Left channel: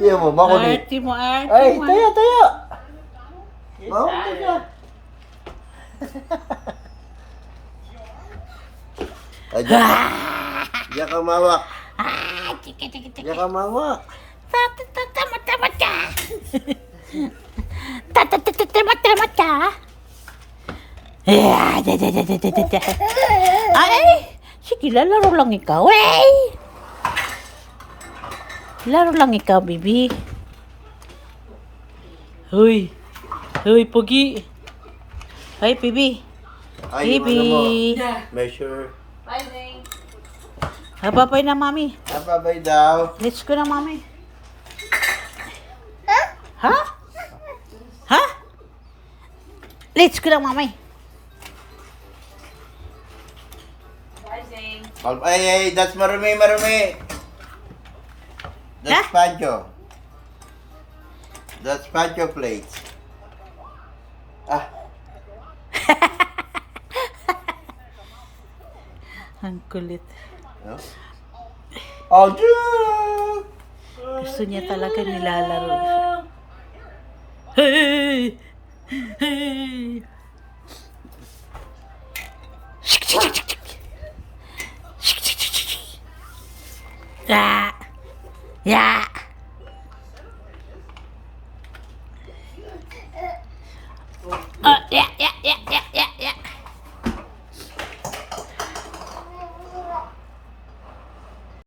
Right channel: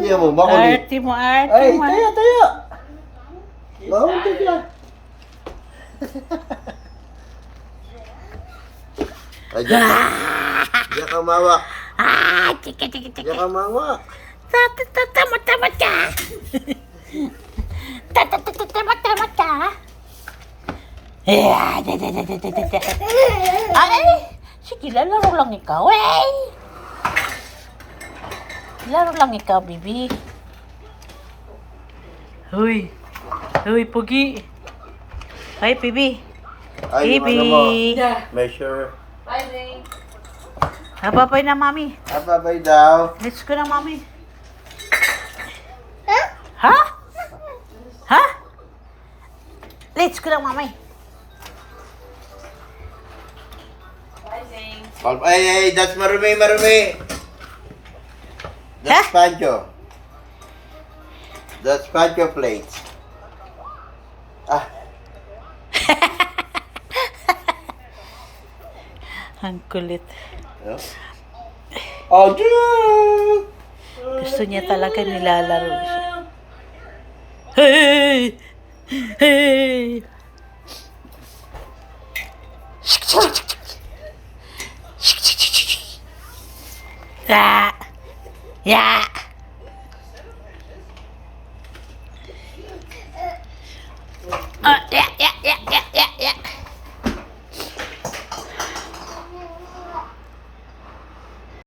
Iya mo, makulit. Arte mo, arte Ay, mo. tayo, tayo. Makulit ka. Ay, diyan ka mawak. Chika, chika, chika. Diyan ka mawak. Tamat ka. Tamat ka. Ay, sige, lalaro lang ikaw. Ay! Laro lang ikaw, baby. Huy. Huy, Pugi. Hi, baby. Ay, Baby. yung ano mo, measure. Hababay na, mami. Ababay daw. Let's go na, mami. Ha? Ha? Let's go na, mami. Ay, that's marumi, marumi. That's Pancho. That's Pancho plates. Ah, Ang kulit. oh, dude. Gusto niya talaga nilalaro siya. Hey! Hey! Ya! Ya!